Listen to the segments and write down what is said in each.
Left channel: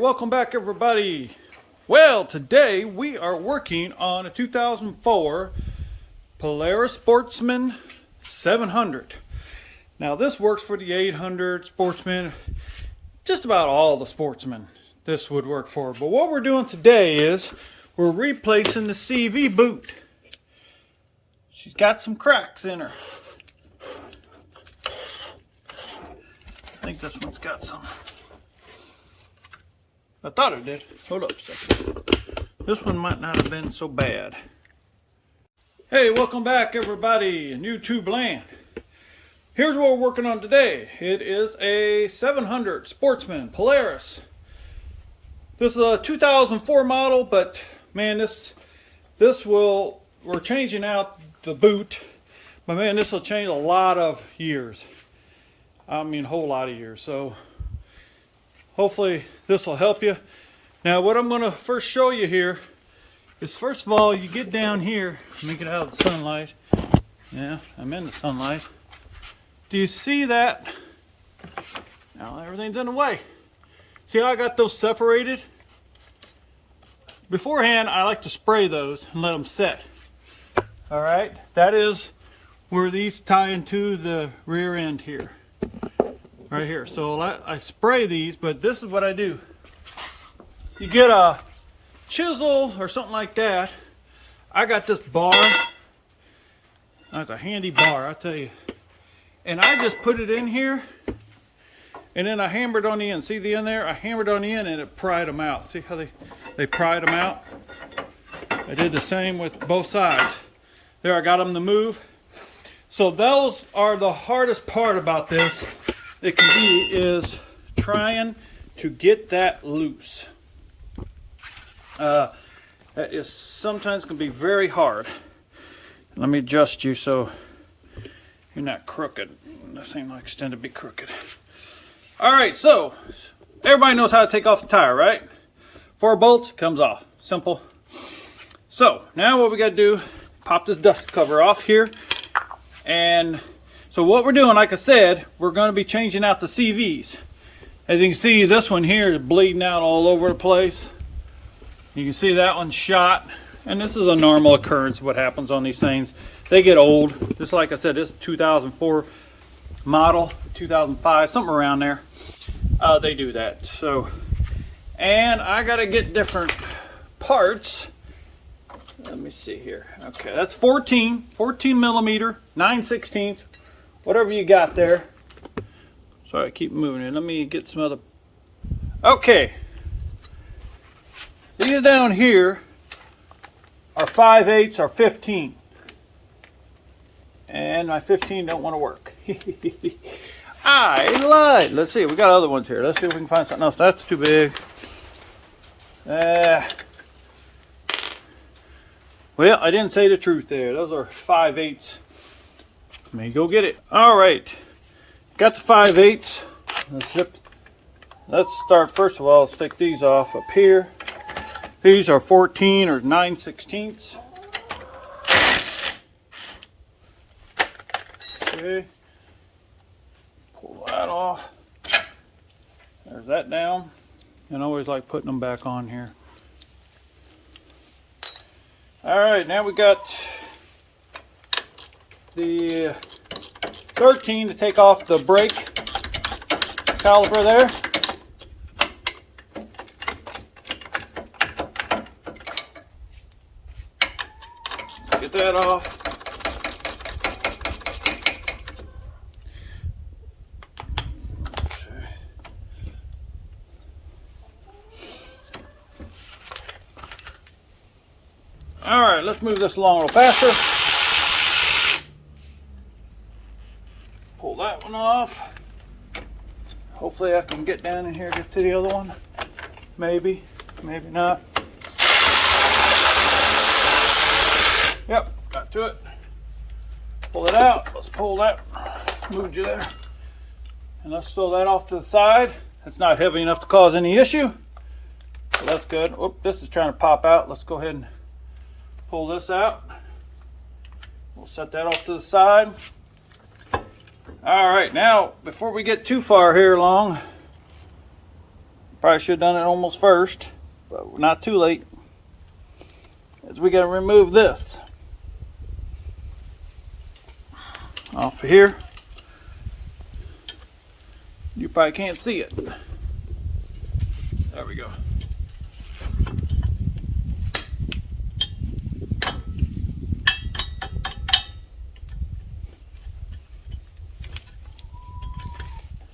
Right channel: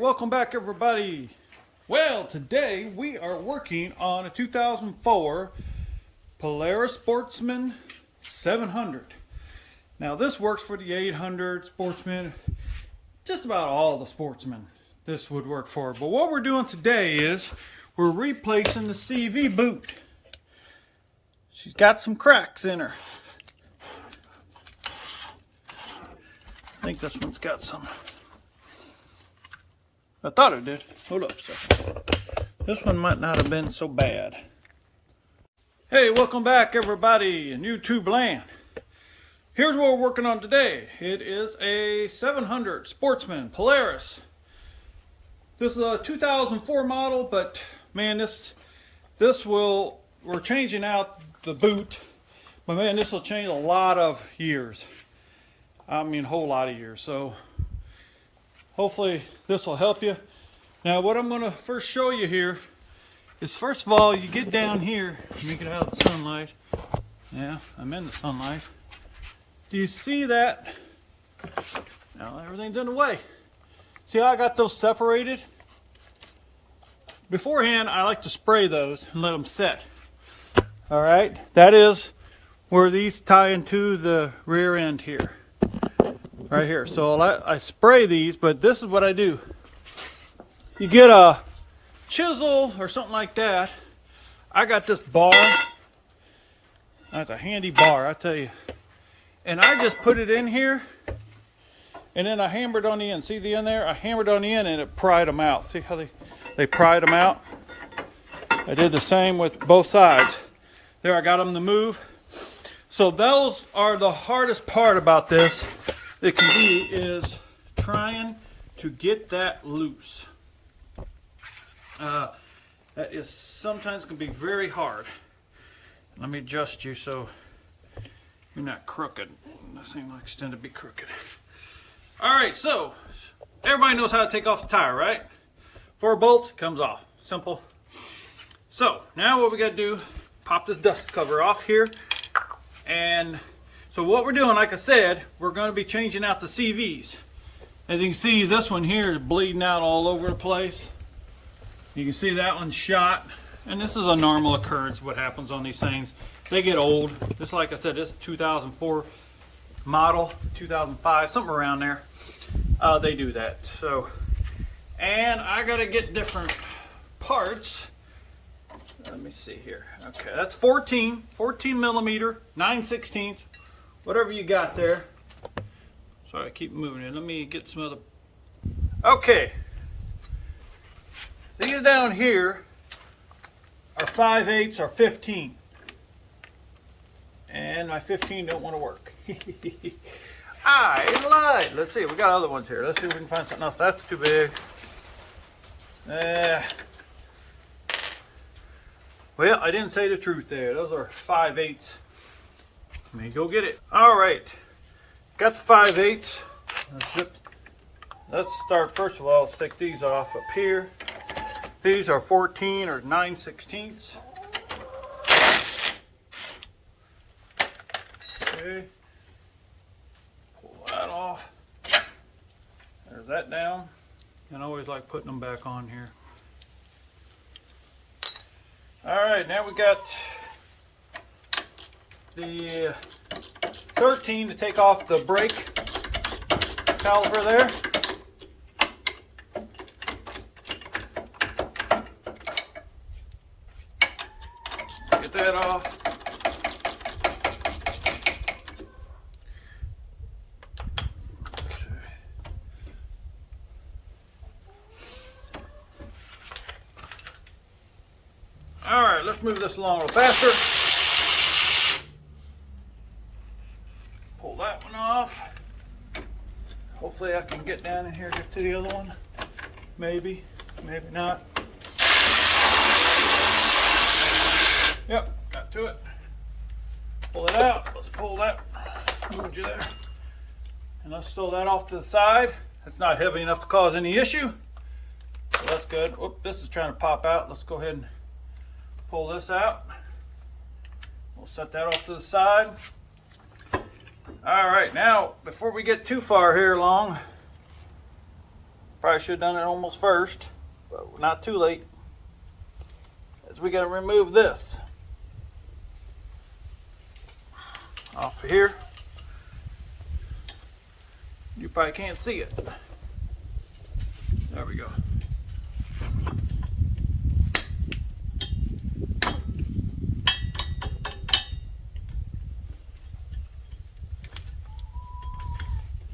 welcome back everybody. Well, today we are working on a 2004 Polaris Sportsman 700. Now this works for the 800 Sportsman, just about all the Sportsmen this would work for. But what we're doing today is we're replacing the CV boot. She's got some cracks in her. I think this one's got some. I thought it did. Hold up a second. This one might not have been so bad. Hey, welcome back everybody in YouTube land. Here's what we're working on today. It is a 700 Sportsman Polaris. This is a 2004 model, but man, we're changing out the boot. But man, this will change a lot of years. I mean, a whole lot of years. So hopefully this will help you. Now what I'm going to first show you here is, first of all, you get down here. Let me get out of the sunlight. Yeah, I'm in the sunlight. Do you see that? Now everything's in the way. See how I got those separated? Beforehand, I like to spray those and let them set. All right, that is where these tie into the rear end here. Right here. So I spray these, but this is what I do. You get a chisel or something like that. I got this bar. That's a handy bar, I tell you. And I just put it in here, and then I hammered on the end. See the end there? I hammered on the end and it pried them out. See how they pried them out? I did the same with both sides. There, I got them to move. So those are the hardest part about this. It can be is trying to get that loose. That is sometimes can be very hard. Let me adjust you so you're not crooked. This thing likes to be crooked. All right, so everybody knows how to take off the tire, right? 4 bolts, comes off. Simple. So now what we got to do, pop this dust cover off here. And so what we're doing, like I said, we're going to be changing out the CVs. As you can see, this one here is bleeding out all over the place. You can see that one's shot. And this is a normal occurrence of what happens on these things. They get old. Just like I said, this is 2004 model, 2005, something around there. They do that. So, and I got to get different parts. Let me see here. Okay, that's 14 millimeter, 9/16. Whatever you got there. Sorry, I keep moving it. Let me get some other. Okay. These down here are 5/8 or 15. And my 15 don't want to work. I lied. Let's see. We got other ones here. Let's see if we can find something else. That's too big. Well, I didn't say the truth there. Those are 5/8. Let me go get it. All right, got the 5/8. Let's start. First of all, stick these off up here. These are 14 or 9/16. Okay, pull that off. There's that down. And I always like putting them back on here. All right, now we got the 13 to take off the brake caliper there. Get that off. All right, let's move this along a little faster. Pull that one off. Hopefully I can get down in here, get to the other one. Maybe, maybe not. Yep, got to it. Pull it out. Let's pull that. Moved you there. And let's throw that off to the side. It's not heavy enough to cause any issue. So that's good. Oop, this is trying to pop out. Let's go ahead and pull this out. We'll set that off to the side. All right, now before we get too far here along, Probably should have done it almost first, but we're not too late. As we got to remove this off of here. You probably can't see it. There we go.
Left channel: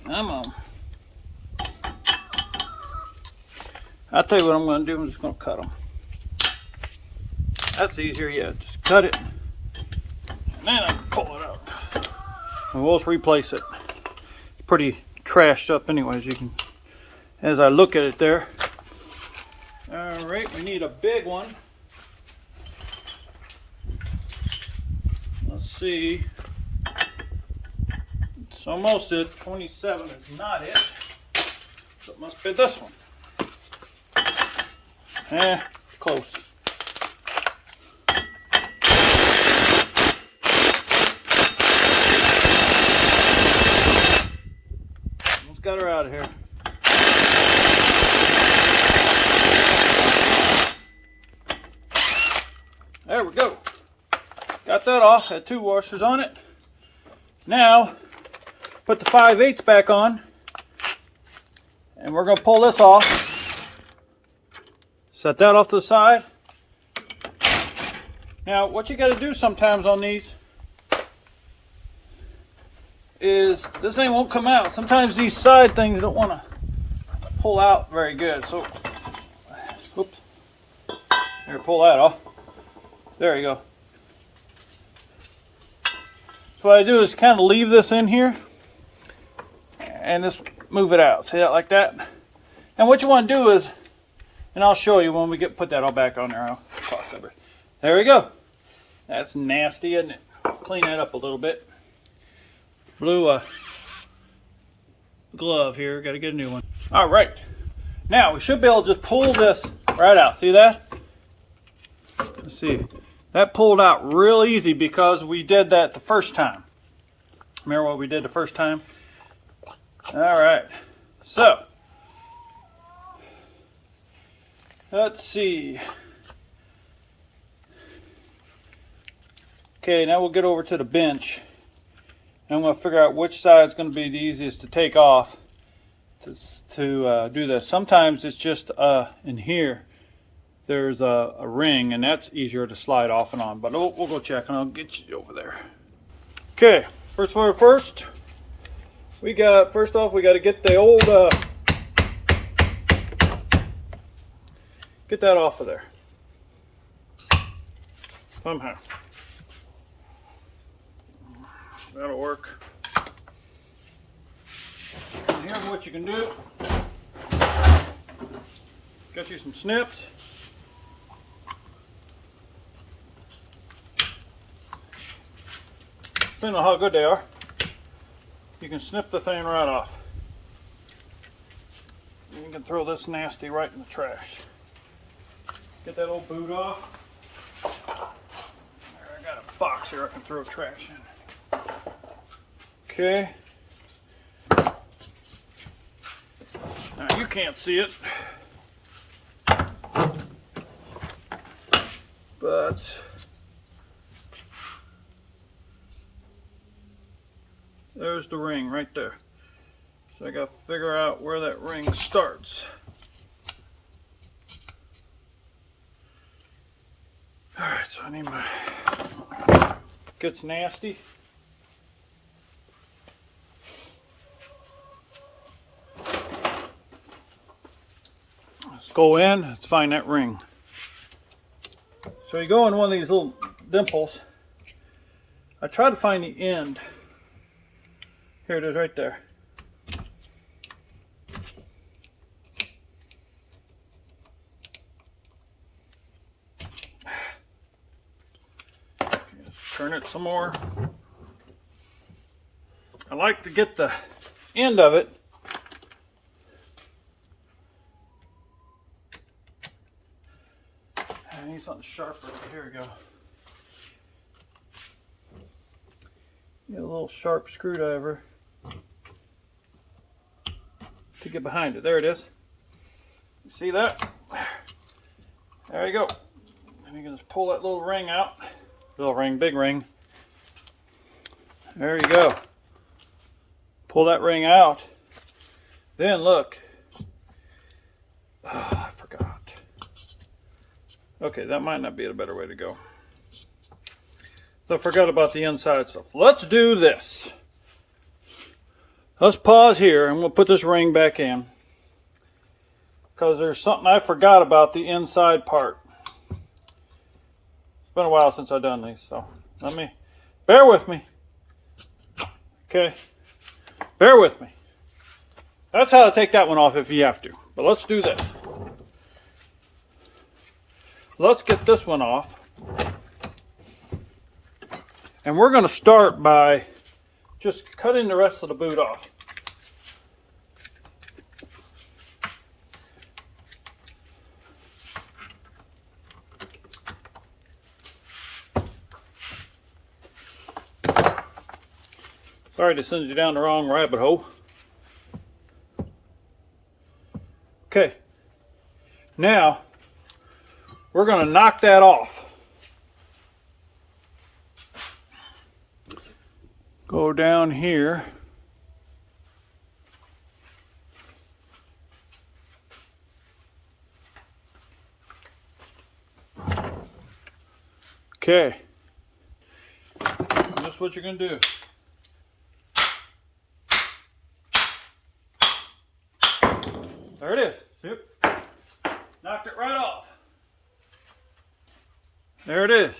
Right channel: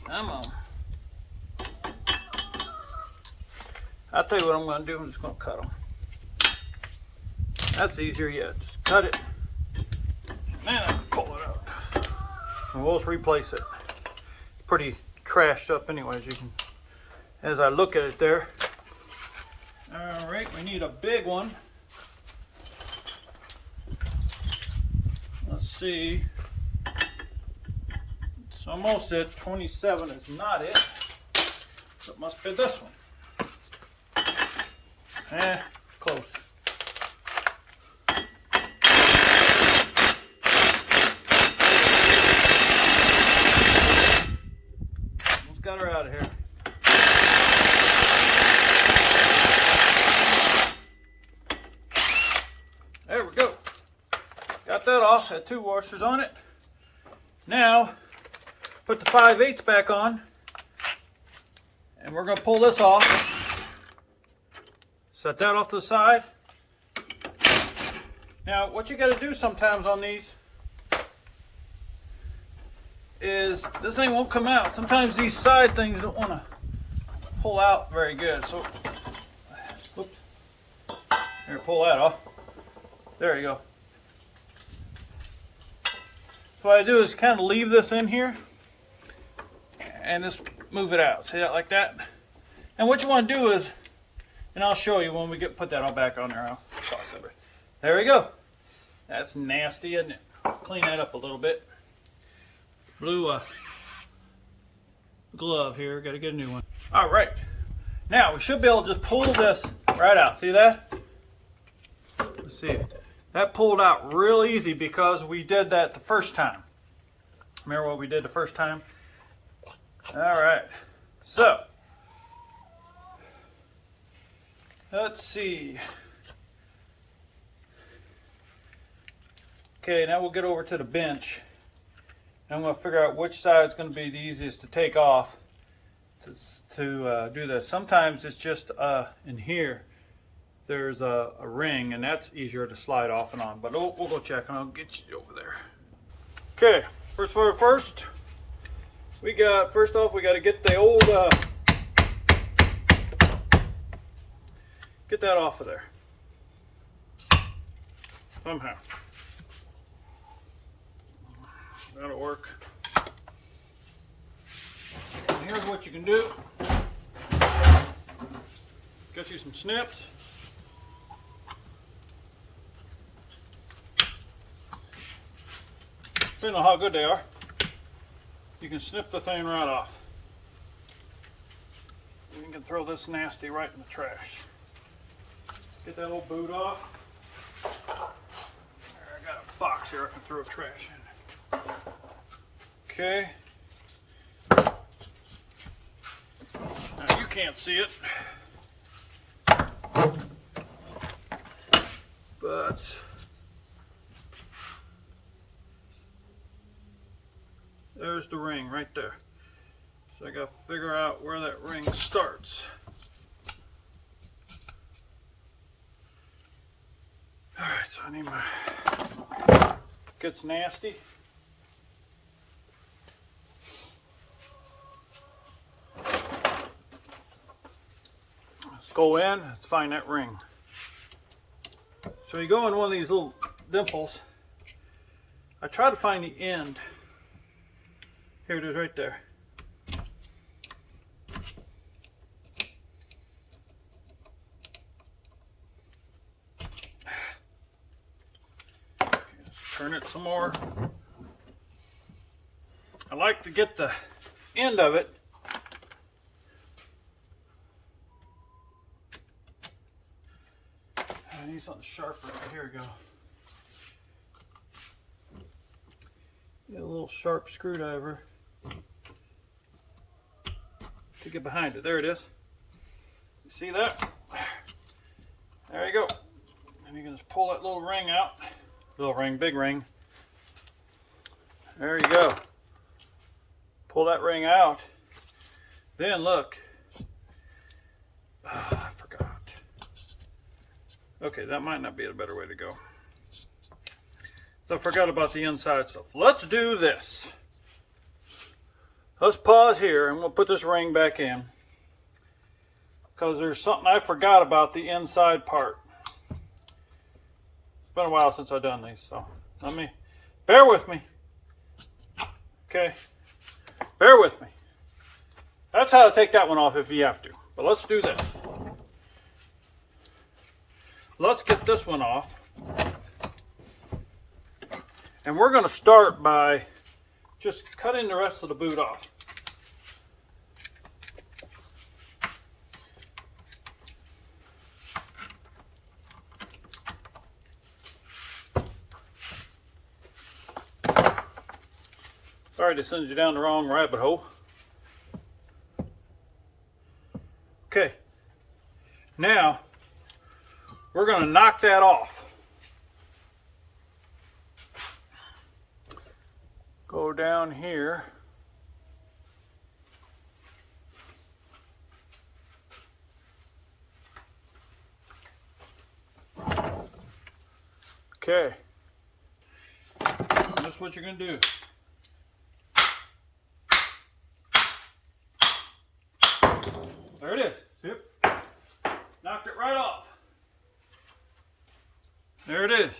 Come on. I'll tell you what I'm going to do. I'm just going to cut them. That's easier yet. Just cut it. And then I can pull it out. And we'll just replace it. It's pretty trashed up anyways. You can, as I look at it there. Alright, we need a big one. Let's see. It's almost it. 27 is not it. So it must be this one. Close. Let's get her out of here. There we go. Got that off. Had 2 washers on it. Now, put the 5/8 back on. And we're going to pull this off. Set that off to the side. Now, what you got to do sometimes on these is this thing won't come out. Sometimes these side things don't want to pull out very good. So, oops. Here, pull that off. There you go. So what I do is kind of leave this in here and just move it out. See that like that? And what you want to do is, and I'll show you when we put that all back on there. There we go. That's nasty, isn't it? Clean it up a little bit. Blew a glove here. Got to get a new one. All right. Now we should be able to just pull this right out. See that? Let's see. That pulled out real easy because we did that the first time. Remember what we did the first time? All right. So, let's see. Okay, now we'll get over to the bench. And I'm going to figure out which side is going to be the easiest to take off to do that. Sometimes it's just in here. There's a ring, and that's easier to slide off and on. But we'll go check, and I'll get you over there. Okay, first one first. We got, first off, we got to get the old, get that off of there. Somehow. That'll work. And here's what you can do. Get you some snips. Depending on how good they are, you can snip the thing right off. And you can throw this nasty right in the trash. Get that old boot off. I got a box here I can throw trash in. Okay. Now you can't see it, but there's the ring right there. So I got to figure out where that ring starts. All right, so I need my, gets nasty. Let's go in, let's find that ring. So you go in one of these little dimples. I try to find the end. Here it is right there. Turn it some more. I like to get the end of it. I need something sharper. Here we go. Get a little sharp screwdriver to get behind it. There it is. You see that? There you go. And you can just pull that little ring out. Little ring, big ring. There you go. Pull that ring out. Then look. Oh, I forgot. Okay, that might not be a better way to go. So I forgot about the inside stuff. Let's do this. Let's pause here and we'll put this ring back in. Because there's something I forgot about the inside part. It's been a while since I've done these, so bear with me. Okay, bear with me. That's how to take that one off if you have to. But let's do this. Let's get this one off. And we're going to start by just cutting the rest of the boot off. Sorry to send you down the wrong rabbit hole. Okay, now we're going to knock that off. Go down here. Okay, that's what you're going to do. There it is. Yep. Knocked it right off. There it is.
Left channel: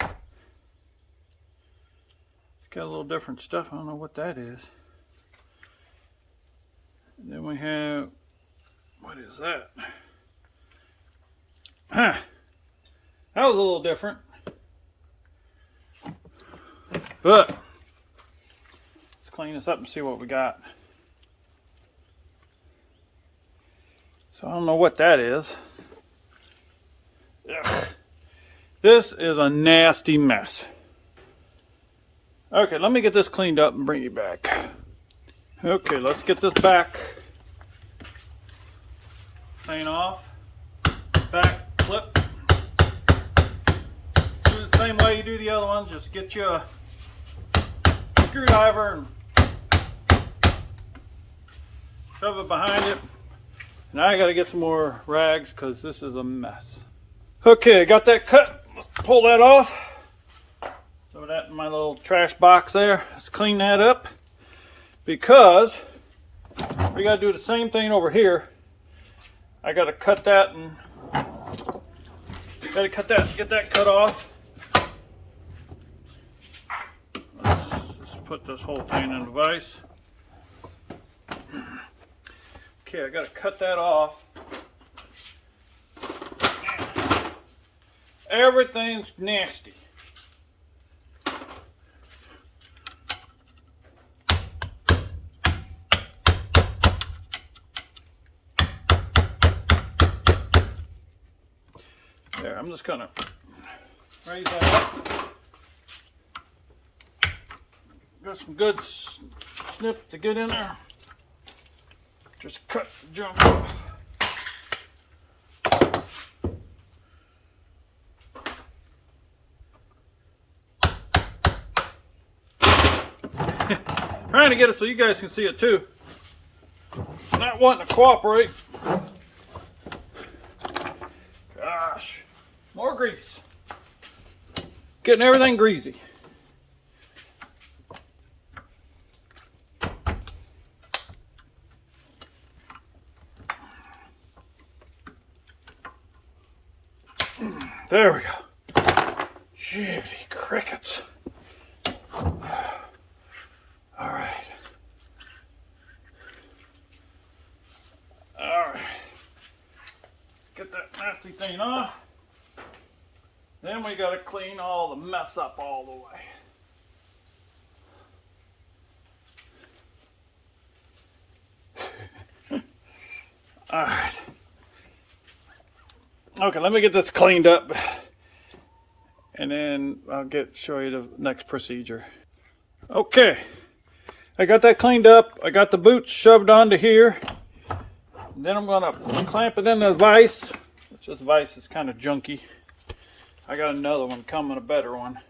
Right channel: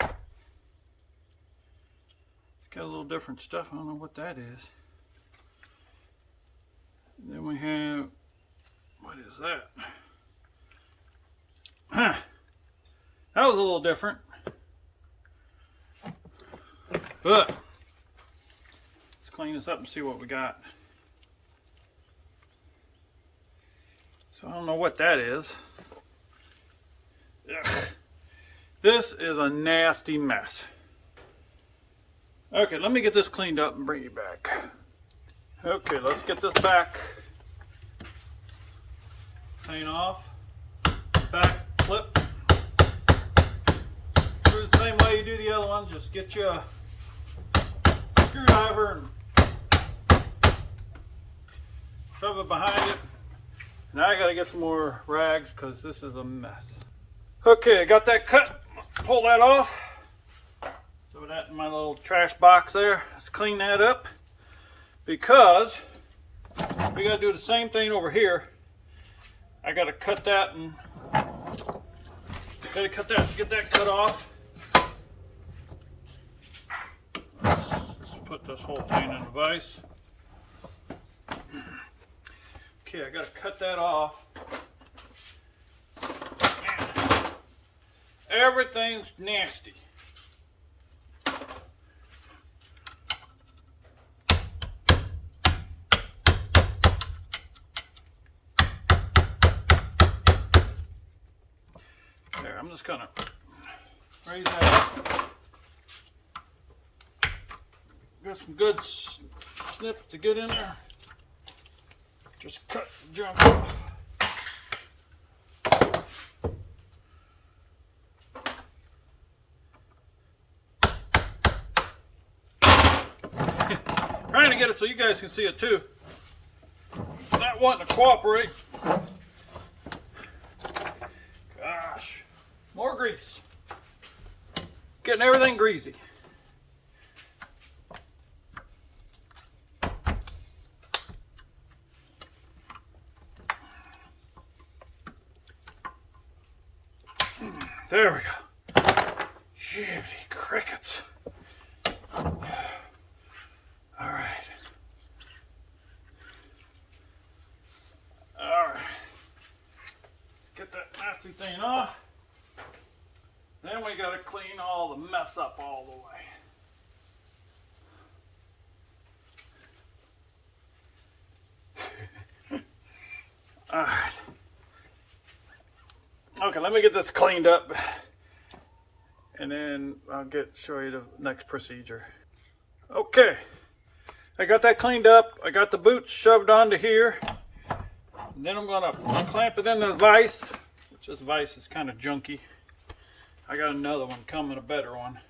It's got a little different stuff. I don't know what that is. And then we have, what is that? Huh. That was a little different. But let's clean this up and see what we got. So I don't know what that is. Ugh. This is a nasty mess. Okay, let me get this cleaned up and bring you back. Okay, let's get this back. Clean off. Back clip. Do the same way you do the other one. Just get you a screwdriver and shove it behind it. Now I gotta get some more rags because this is a mess. Okay, got that cut. Let's pull that off. Throw that in my little trash box there. Let's clean that up because we gotta do the same thing over here. I gotta cut that and get that cut off. Let's put this whole thing in the vise. Okay, I gotta cut that off. Everything's nasty. There, I'm just gonna raise that up. Got some good snips to get in there. Just cut the junk off. Trying to get it so you guys can see it too. Not wanting to cooperate. Gosh, more grease. Getting everything greasy. There we go. Judy crickets. All right. All right. Let's get that nasty thing off. Then we got to clean all the mess up all the way. All right. Okay, let me get this cleaned up and then I'll show you the next procedure. Okay, I got that cleaned up. I got the boots shoved onto here. And then I'm gonna clamp it in the vise. This vise is kind of junky. I got another one coming, a better one.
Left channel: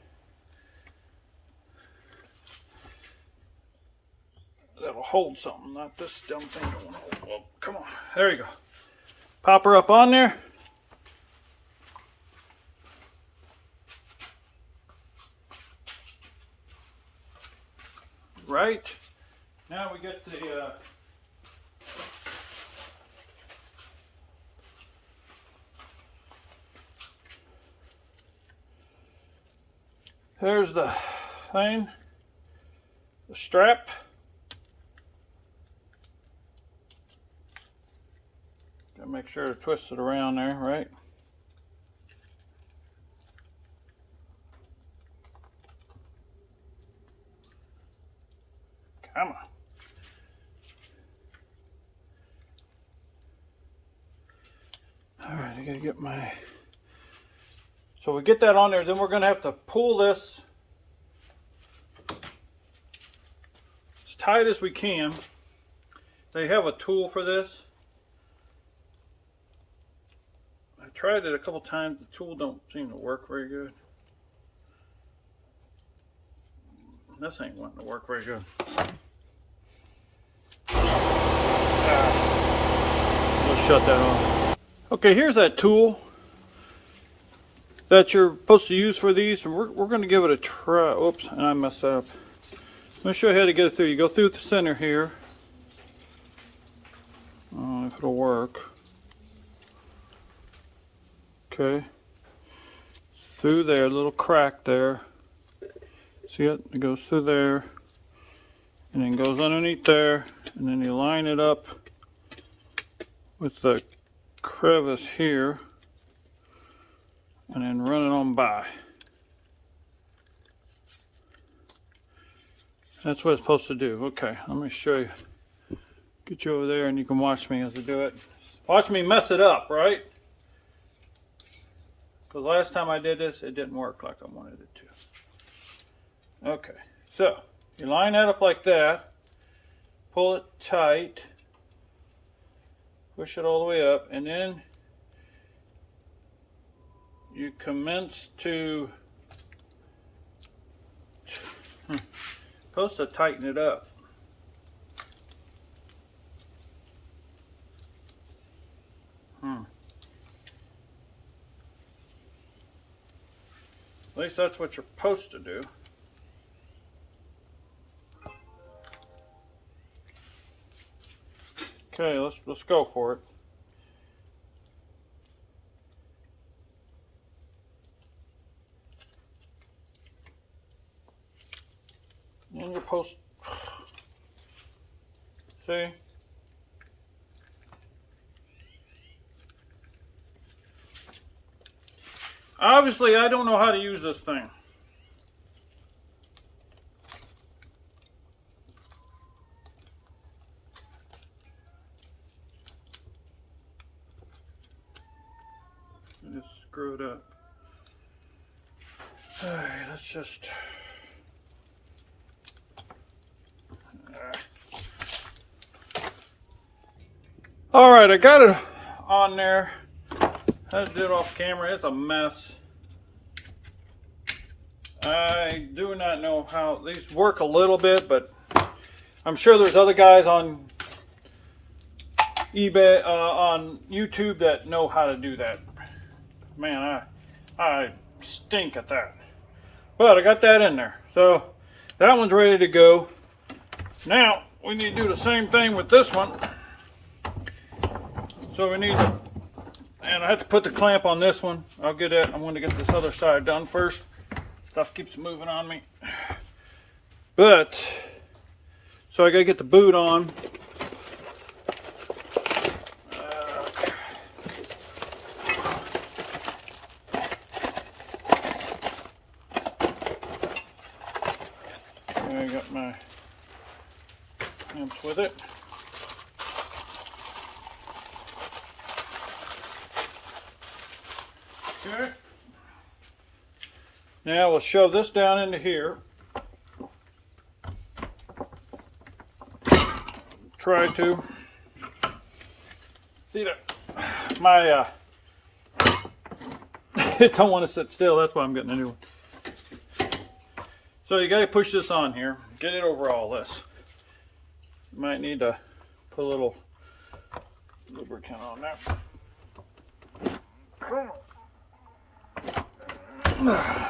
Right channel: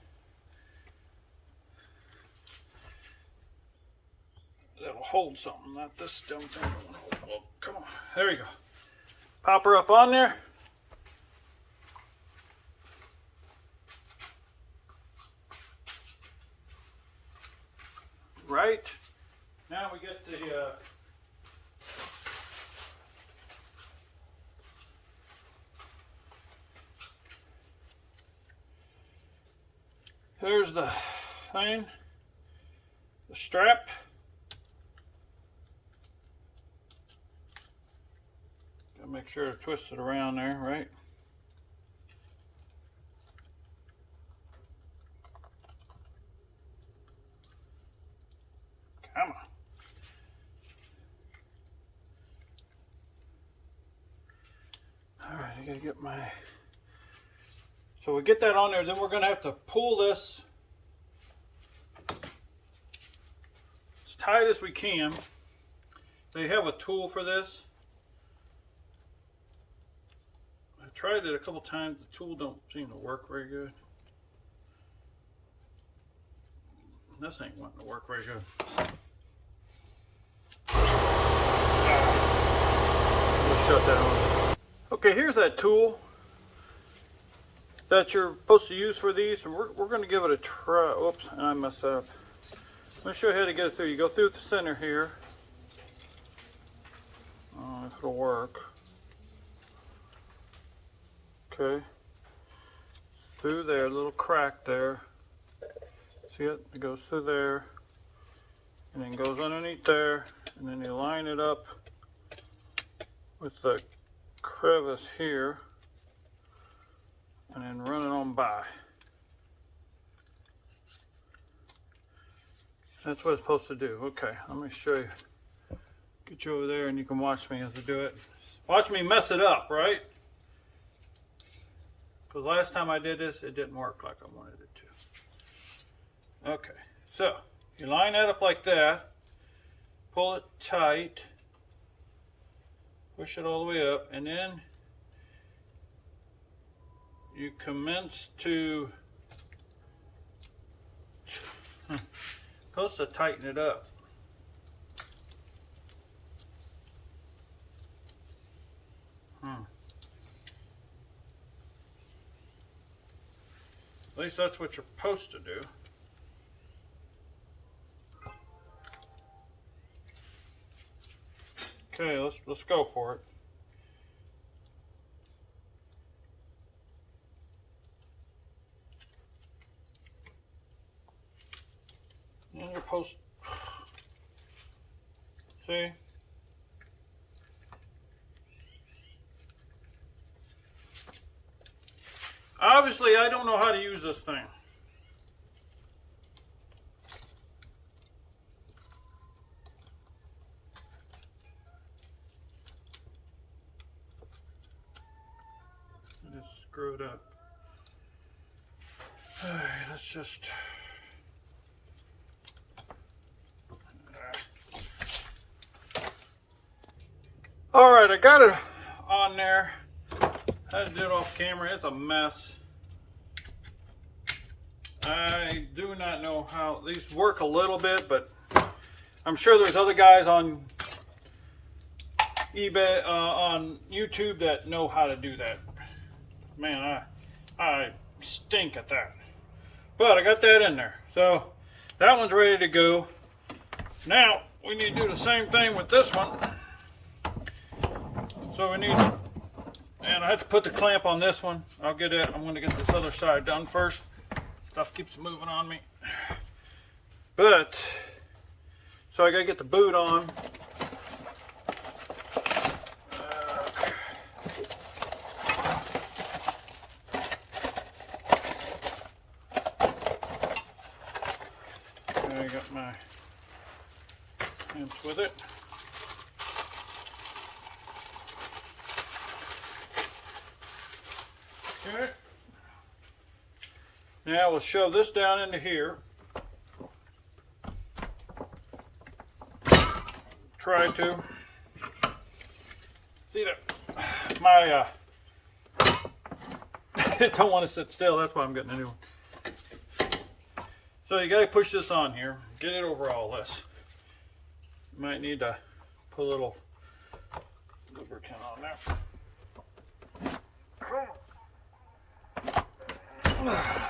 That'll hold something, not this dumb thing don't want to hold. Oh, come on, there you go. Pop her up on there. Right, now we get the here's the thing, the strap. Gotta make sure to twist it around there, right? Come on. All right, I gotta get my... So we get that on there, then we're gonna have to pull this as tight as we can. They have a tool for this. I tried it a couple times, the tool don't seem to work very good. This ain't wanting to work very good. Let's shut that on. Okay, here's that tool that you're supposed to use for these, and we're going to give it a try. Oops, and I messed up. Let me show you how to get it through. You go through the center here. I don't know if it'll work. Okay. Through there, little crack there. See it? It goes through there, and then goes underneath there, and then you line it up with the crevice here, and then run it on by. That's what it's supposed to do. Okay, let me show you. Get you over there, and you can watch me as I do it. Watch me mess it up, right? Because last time I did this, it didn't work like I wanted it to. Okay, so you line that up like that, pull it tight, push it all the way up, and then you commence to supposed to tighten it up. At least that's what you're supposed to do. Okay, let's go for it. And you're supposed to see. Obviously, I don't know how to use this thing. Just screw it up. All right, let's just... All right, I got it on there. I had to do it off camera. It's a mess. I do not know how these work a little bit, but I'm sure there's other guys on eBay, on YouTube that know how to do that. Man, I stink at that. But I got that in there. So that one's ready to go. Now we need to do the same thing with this one. So we need, and I have to put the clamp on this one. I'll get it. I'm going to get this other side done first. Stuff keeps moving on me. But, so I got to get the boot on. I got my clamps with it. Okay. Now we'll shove this down into here. Try to. See that? My it don't want to sit still. That's why I'm getting a new one. So you got to push this on here. Get it over all this. You might need to put a little lubricant on there.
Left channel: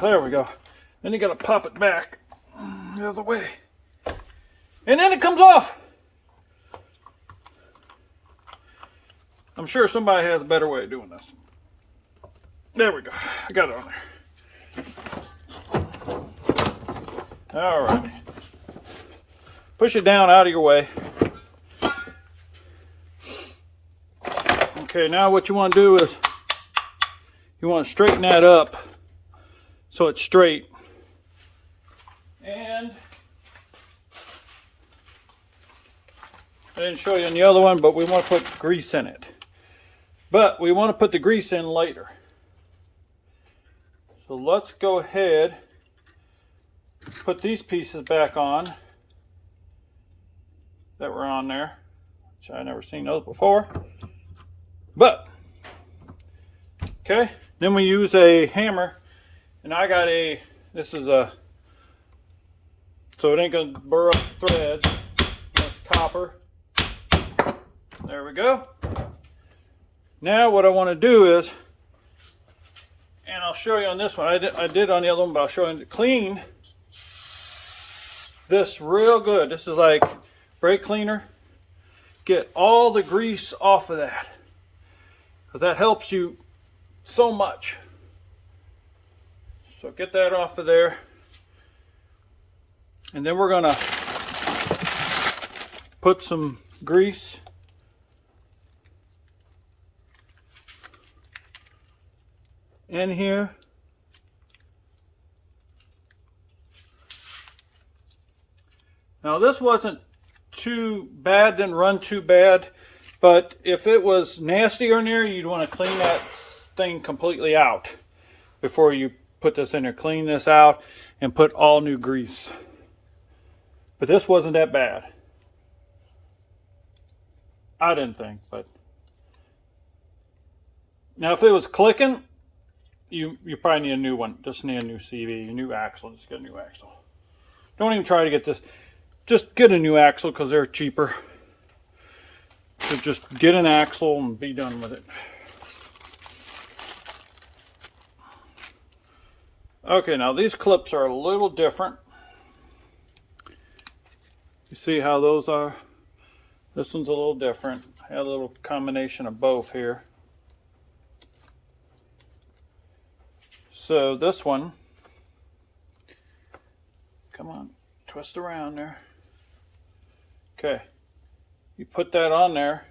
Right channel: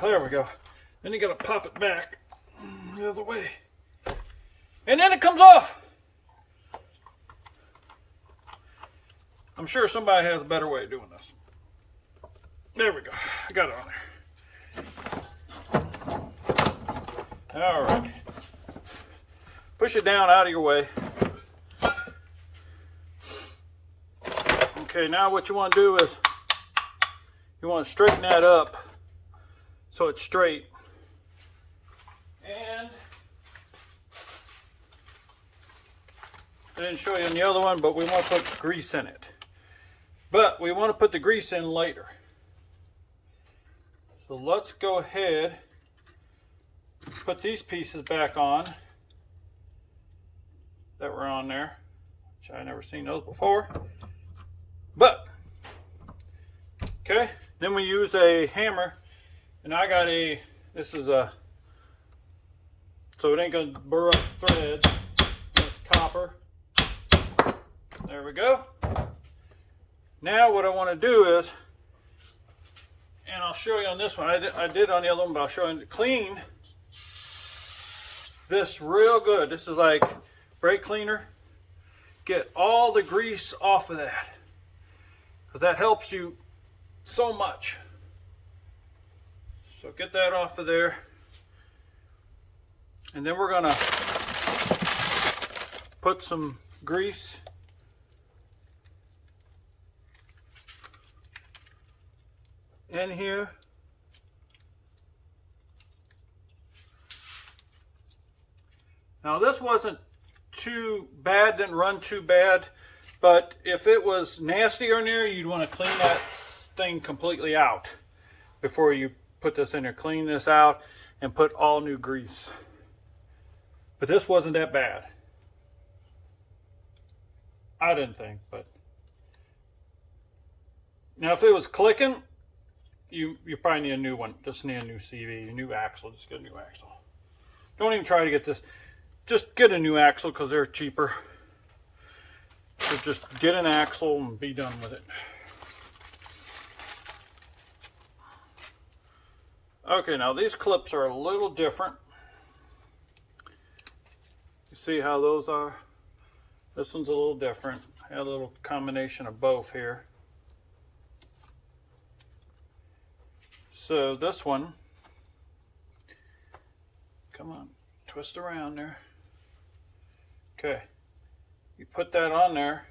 There we go. Then you got to pop it back the other way. And then it comes off. I'm sure somebody has a better way of doing this. There we go. I got it on there. All right. Push it down out of your way. Okay, now what you want to do is you want to straighten that up so it's straight. And I didn't show you on the other one, but we want to put grease in it. But we want to put the grease in later. So let's go ahead, put these pieces back on that were on there, which I've never seen those before. But, okay, then we use a hammer, and I got a, this is a, so it ain't going to burr up the threads. That's copper. There we go. Now what I want to do is, and I'll show you on this one, I did on the other one, but I'll show you to clean this real good. This is like brake cleaner. Get all the grease off of that, because that helps you so much. So get that off of there. And then we're going to put some grease in here. Now this wasn't too bad, didn't run too bad, but if it was nastier in there, you'd want to clean that thing completely out before you put this in there. Clean this out and put all new grease. But this wasn't that bad. I didn't think, but now if it was clicking, you probably need a new one. Just need a new CV, a new axle. Just get a new axle. Don't even try to get this. Just get a new axle because they're cheaper. So just get an axle and be done with it. Okay, now these clips are a little different. You see how those are? This one's a little different. I had a little combination of both here. So this one, come on, twist around there. Okay, you put that on there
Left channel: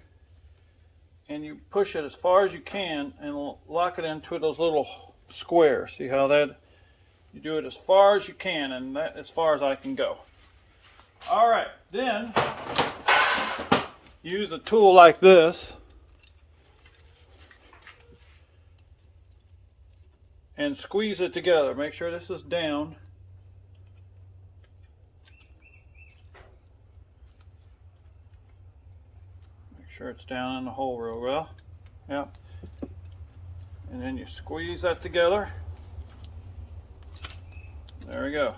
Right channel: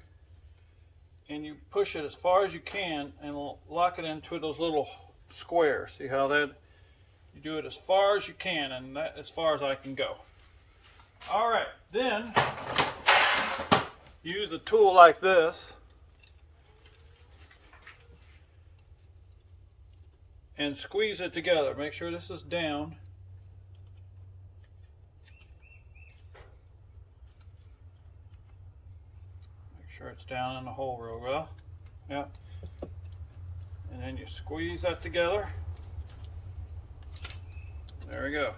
and you push it as far as you can and lock it into those little squares. See how that, you do it as far as you can, and that as far as I can go. All right, then use a tool like this and squeeze it together. Make sure this is down. Make sure it's down in the hole real well. Yep. And then you squeeze that together. There we go.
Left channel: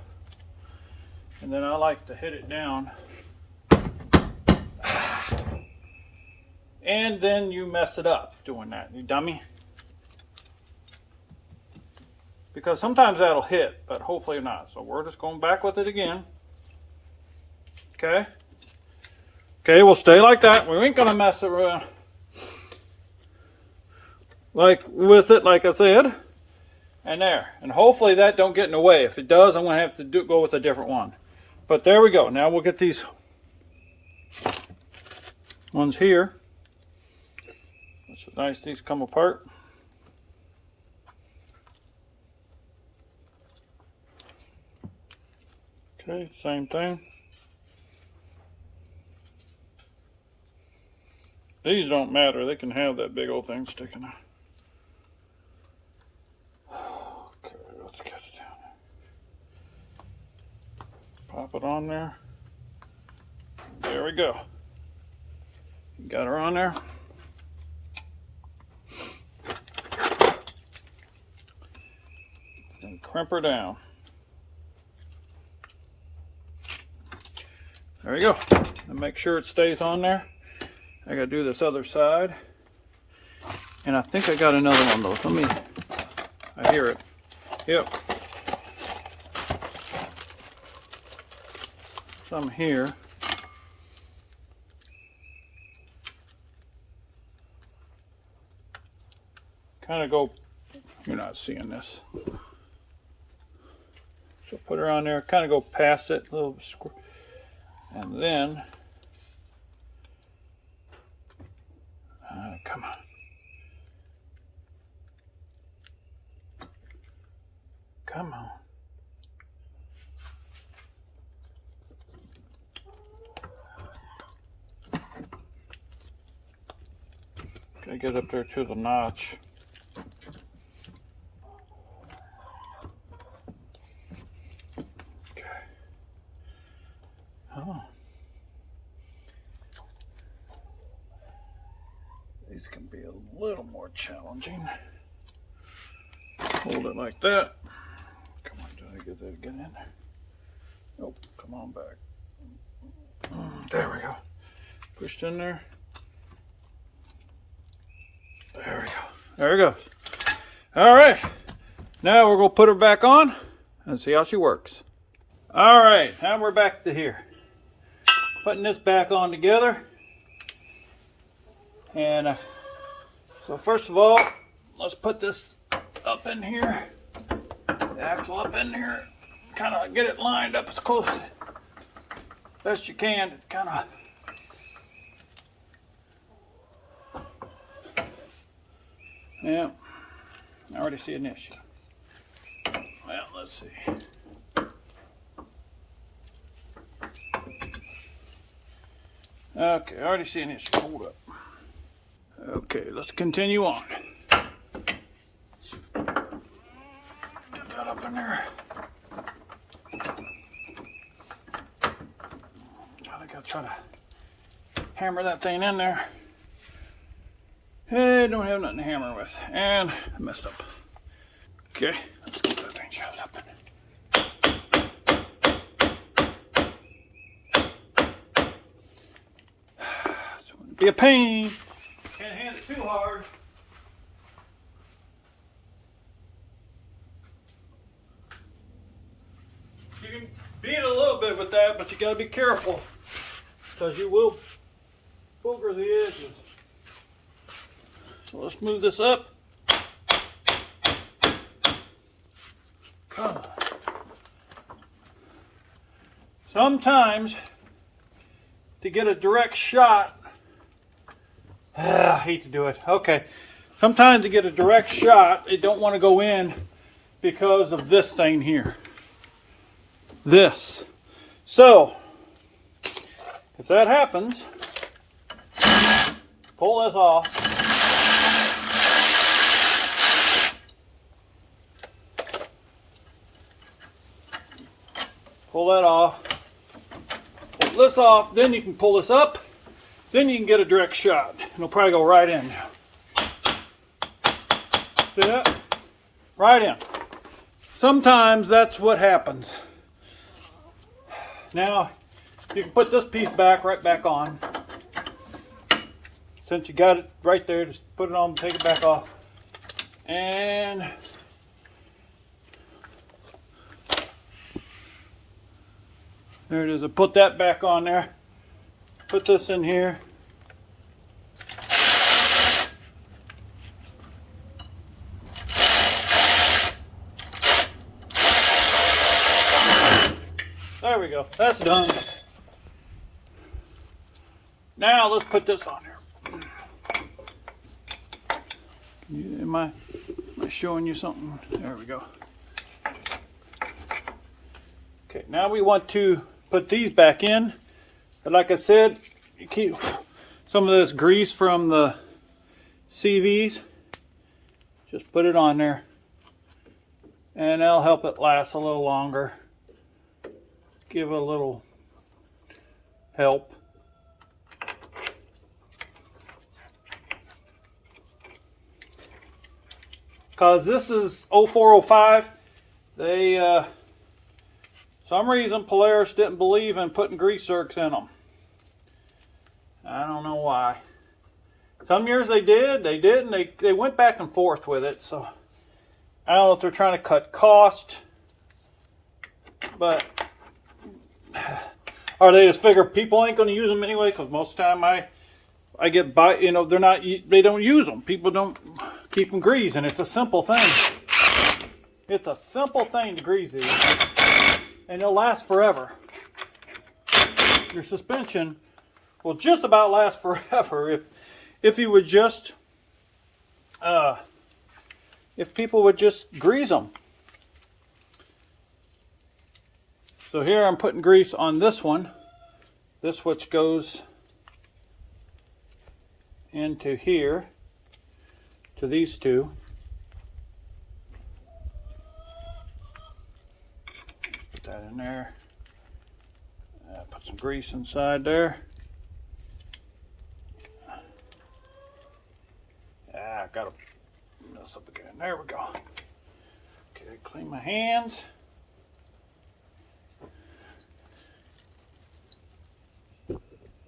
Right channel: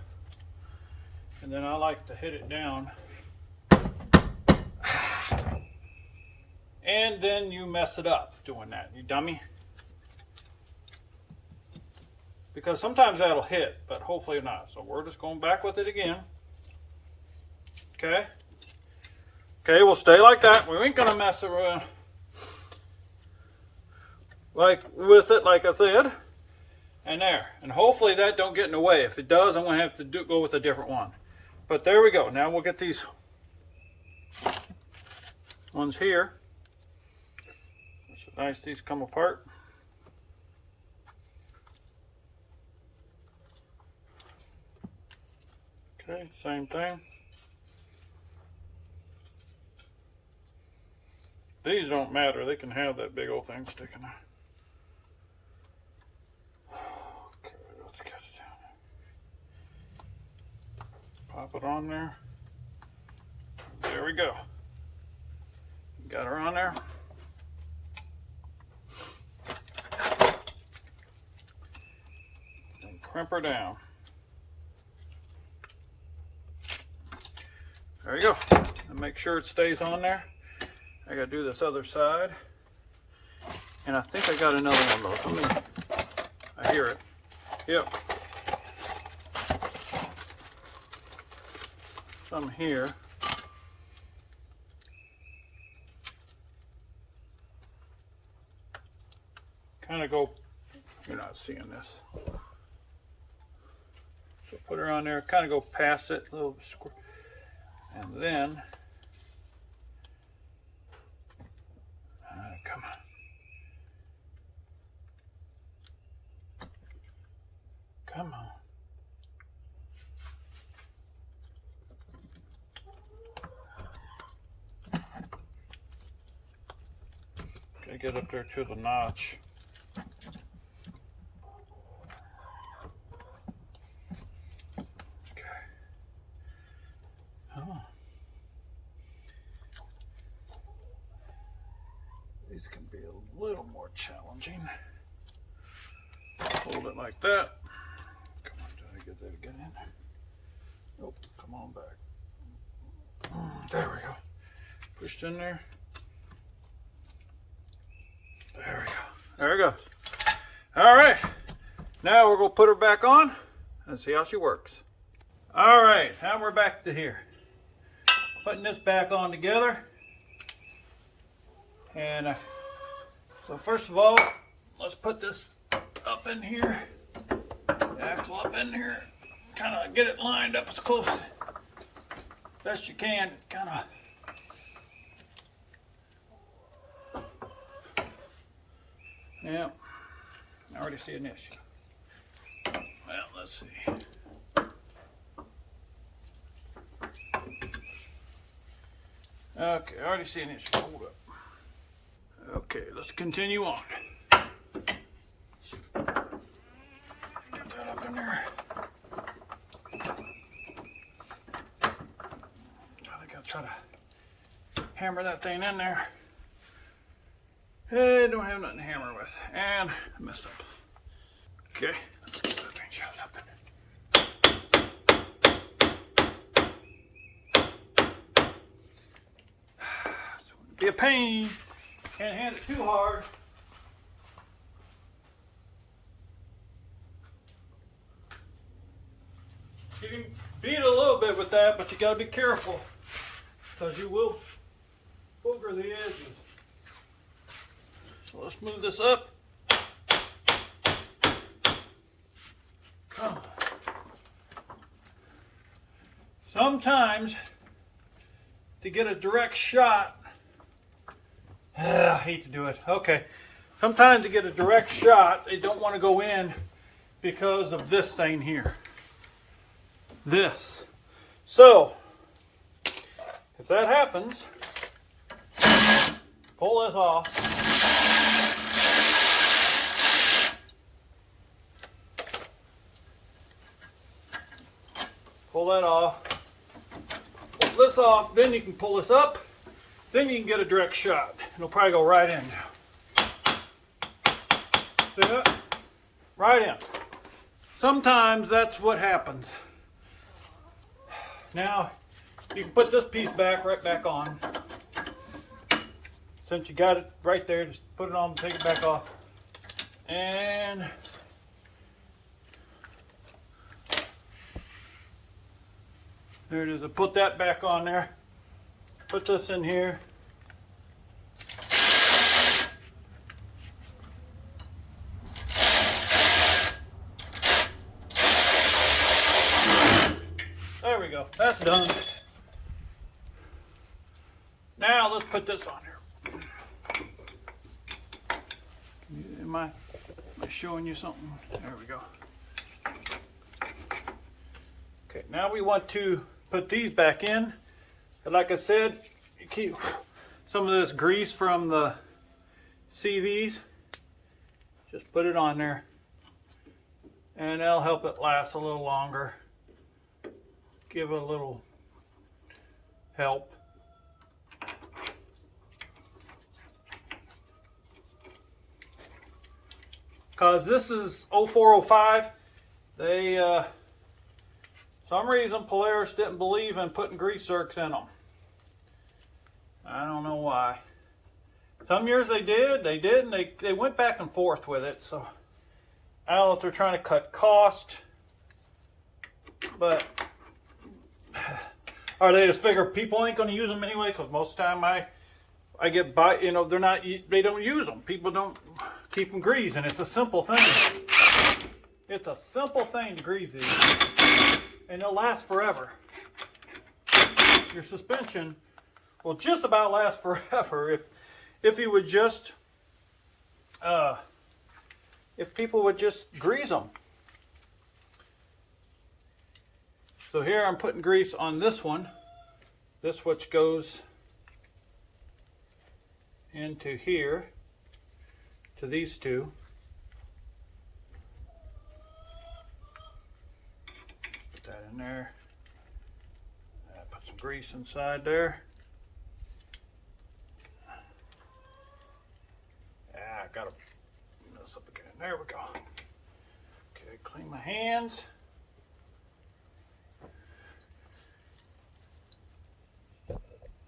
And then I like to hit it down. And then you mess it up doing that, you dummy. Because sometimes that'll hit, but hopefully not. So we're just going back with it again. Okay. Okay, we'll stay like that. We ain't gonna mess it around like with it, like I said. And there. And hopefully that don't get in the way. If it does, I'm gonna have to go with a different one. But there we go. Now we'll get these ones here. It's nice these come apart. Okay, same thing. These don't matter. They can have that big old thing sticking out. Okay, let's get it down. Pop it on there. There we go. Got her on there. and crimp her down. There you go. And make sure it stays on there. I gotta do this other side. And I think I got another one though. I hear it. Yep. Some here. Kind of go, you're not seeing this. So put her on there, kind of go past it, a little square. And then, come on. Come on. Gotta get up there to the notch. Okay. Oh. These can be a little more challenging. Hold it like that. Come on, did I get that again in? Nope, come on back. There we go. Pushed in there. There we go. There we go. All right. Now we're going to put her back on and see how she works. All right. Now we're back to here. Putting this back on together. And so first of all, let's put this up in here. The axle up in here. Kind of get it lined up as close as best you can. Kind of. Yeah, I already see an issue. Well, let's see. Okay, I already see an issue. Hold up. Okay, let's continue on. Get that up in there. I think I'll try to hammer that thing in there. I don't have nothing to hammer with. And I messed up. Okay, let's get that thing shoved up in. It's gonna be a pain. Can't hand it too hard. You can beat it a little bit with that, but you gotta be careful because you will booger the edges. So let's move this up. Come on. Sometimes to get a direct shot, I hate to do it. Okay. Sometimes to get a direct shot, they don't want to go in because of this thing here. This. So, if that happens, pull this off. Pull that off. Pull this off. Then you can pull this up. Then you can get a direct shot. It'll probably go right in now. See that? Right in. Sometimes that's what happens. Now, you can put this piece back, right back on. Since you got it right there, just put it on, take it back off. And there it is. I'll put that back on there. Put this in here. There we go. That's done. Now let's put this on here. Am I showing you something? There we go. Okay, now we want to put these back in. But like I said, you keep some of this grease from the CVs. Just put it on there. And that'll help it last a little longer. Give it a little help. Because this is 0405 They, some reason Polaris didn't believe in putting grease zerks in them. I don't know why. Some years they did, they didn't. They went back and forth with it. So I don't know if they're trying to cut cost, but or they just figure people ain't going to use them anyway. Because most of the time I get by, you know, they don't use them. People don't keep them greased, and it's a simple thing. It's a simple thing to grease these, and they'll last forever. Your suspension will just about last forever if you would just if people would just grease them. So here I'm putting grease on this one, this which goes into here to these two. Put that in there. Put some grease inside there. I gotta mess up again. There we go. Okay, clean my hands.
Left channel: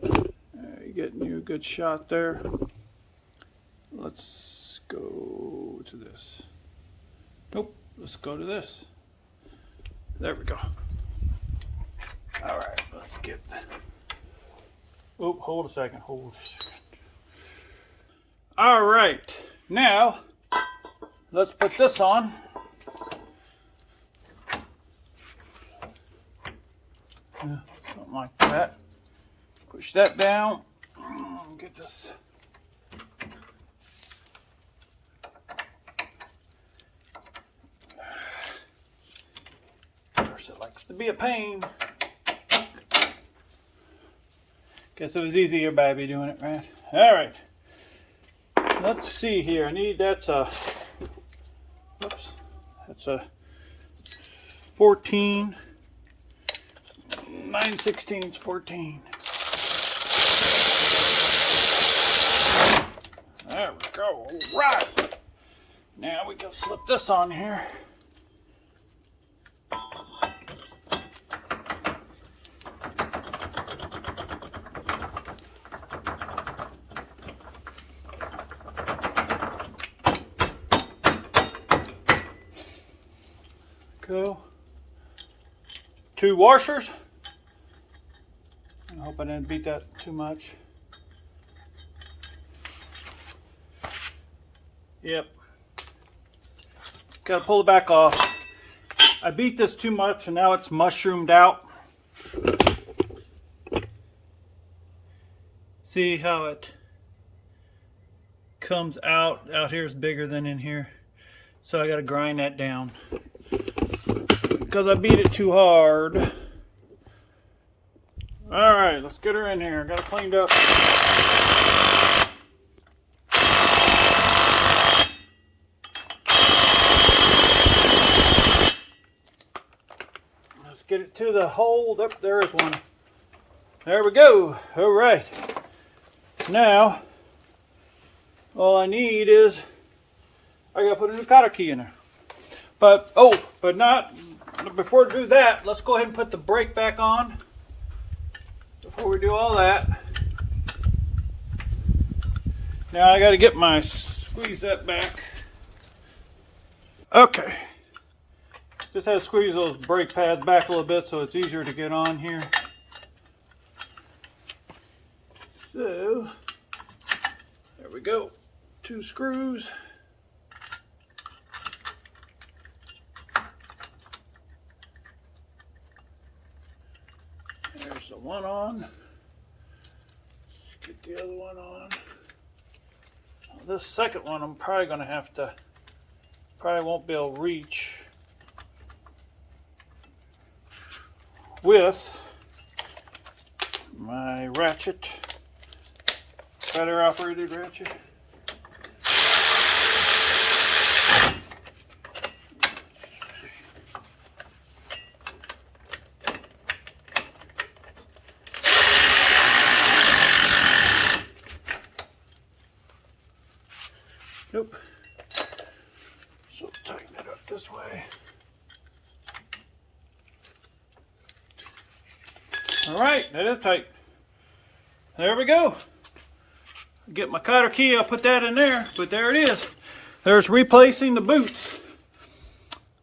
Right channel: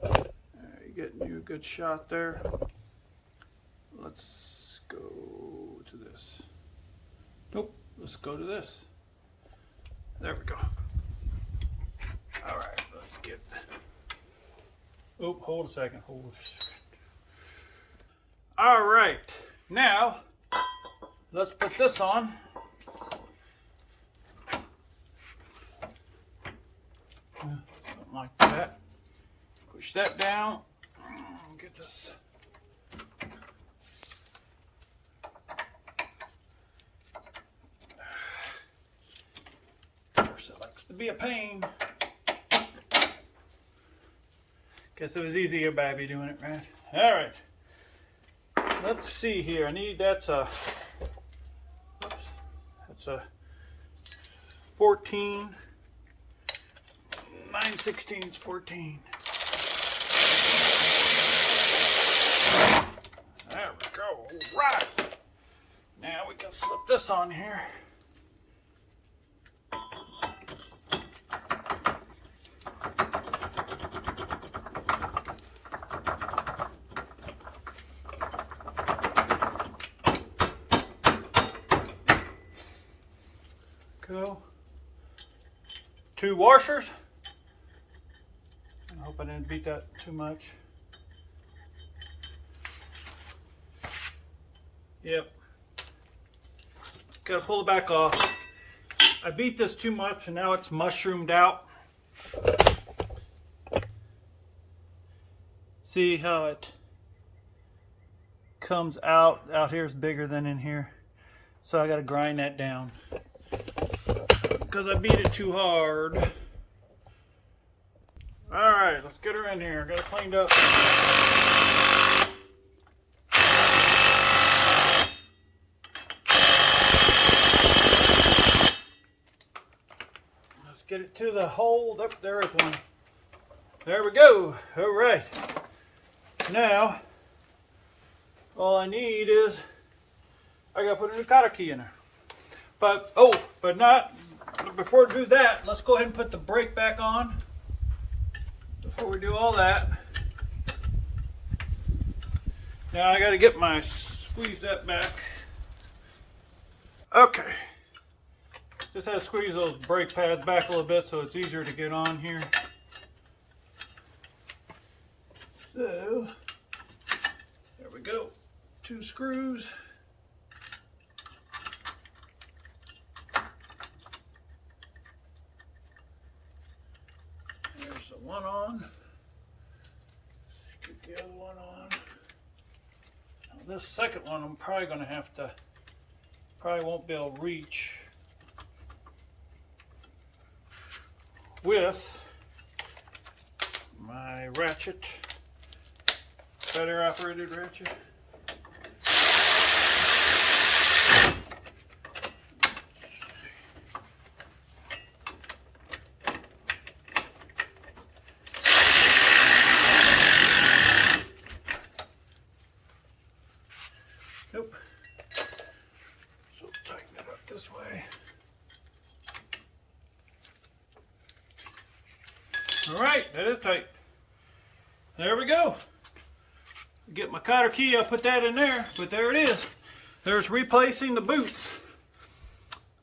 You're getting you a good shot there. Let's go to this. Nope, let's go to this. There we go. All right, let's get. Oh, hold a second. Hold a second. All right, now let's put this on. Yeah, something like that. Push that down. Get this. Of course, it likes to be a pain. Guess it was easier by me doing it, right? All right. Let's see here. I need that's a 14, 9/16 14. There we go. All right. Now we can slip this on here. Go. 2 washers. I hope I didn't beat that too much. Yep. Gotta pull it back off. I beat this too much and now it's mushroomed out. See how it comes out? Out here is bigger than in here. So I gotta grind that down. Because I beat it too hard. All right, let's get her in here. Got it cleaned up. Let's get it to the hole. There is one. There we go. All right. Now, all I need is I gotta put a new cotter key in there. But before we do that, let's go ahead and put the brake back on. Before we do all that. Now I got to squeeze that back. Okay. Just had to squeeze those brake pads back a little bit so it's easier to get on here. So, there we go. 2 screws. There's the one on. Let's get the other one on. Now, this second one I'm probably going to have to, probably won't be able to reach with my ratchet, better operated ratchet. Nope. So tighten it up this way. All right, that is tight. There we go. Get my cotter key, I'll put that in there, but there it is. There's replacing the boots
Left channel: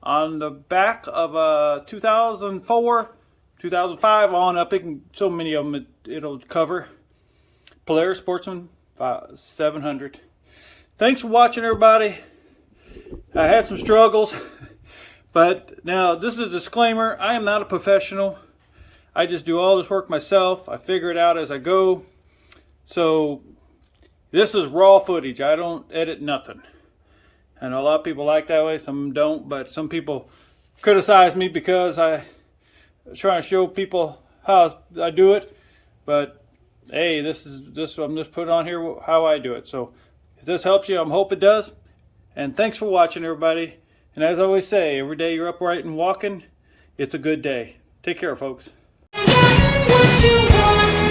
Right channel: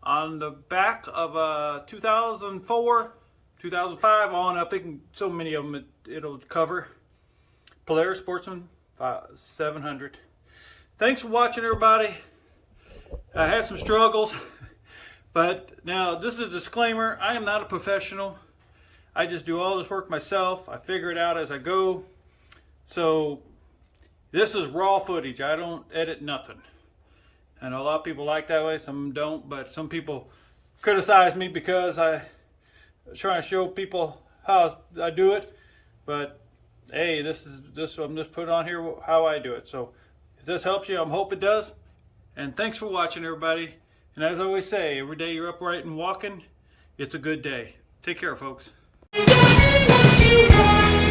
on the back of a 2004, 2005 on up. It can, so many of them it'll cover. Polaris Sportsman 700. Thanks for watching, everybody. I had some struggles, but now this is a disclaimer. I am not a professional. I just do all this work myself. I figure it out as I go. So this is raw footage. I don't edit nothing. And a lot of people like that way, some don't, but some people criticize me because I try to show people how I do it. But hey, this I'm just putting on here how I do it. So if this helps you, I hope it does. And thanks for watching, everybody. And as I always say, every day you're upright and walking, it's a good day. Take care, folks. What you want.